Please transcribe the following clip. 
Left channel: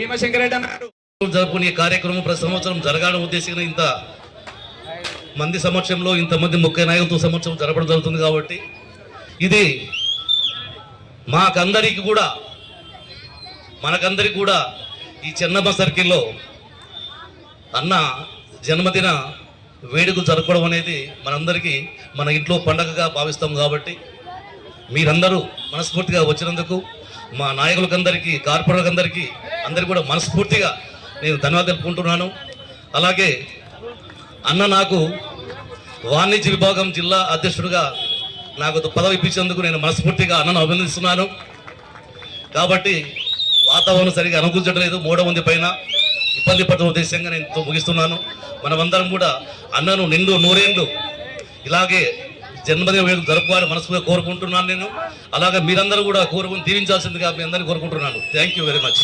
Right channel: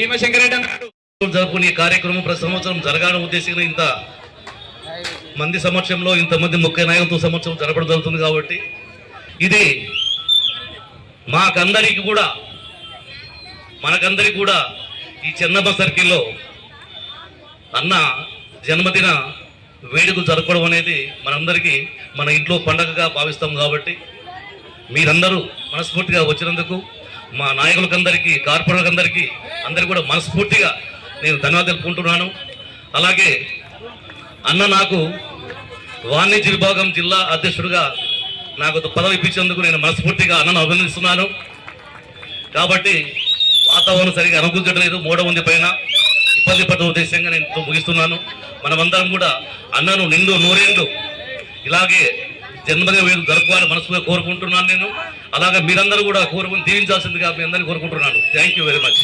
భీమశంకరెడ్డి అన్నాడు. జరుపుకునే కార్యక్రమం ప్రతి సంవత్సరం జరగాలని ఉద్దేశించిన ఇంత మంది సమక్షంలో ఇంతమంది ముఖ్య నాయకులతో సంవత్సరం జరపడం జరుగుతుంది కాబట్టి ఇది మాకందరికి కూడా మనకందరికి కూడా ఈ చెన్నమ్మ సర్కిల్లో అన్న జన్మదిన వేడుకలు జరపడం అనేది మనందరికీ మన ఇంట్లో పండగగా భావిస్తాం కాబట్టి మీరందరూ మనస్ఫూర్తిగా వచ్చినందుకు మా నాయకులకందరికీ కార్పొరేటర్లందరికీ అందరికీ కూడా మనస్ఫూర్తిగా నేను ధన్యవాదాలు తెలుపుకుంటున్నాను. అలాగే అన్న నాకు వాణిజ్య విభాగం జిల్లా అధ్యక్షుడిగా నాకు పదవి ఇప్పించేందుకు నేను మనస్ఫూర్తిగా అన్నను అభినందిస్తున్నాను. కాబట్టి వాతావరణం సరిగా అనుకూలించట్లేదు మూడ ఉంది పైన. ఇబ్బంది పడ్డ ఉద్దేశంగా నేను ముగిస్తున్నాను. మనమందరం కూడా అన్నను నిండు నూరేండు ఇలాగే జన్మదిన వేలు జరుపుకోవాలని మనసుగా కోరుకుంటున్నాను నేను. అలాగే మీరందరూ కూడా కోరుకుని దీవించాల్సిందిగా మీ అందరినీ కోరుకుంటున్నాను. Thank you very much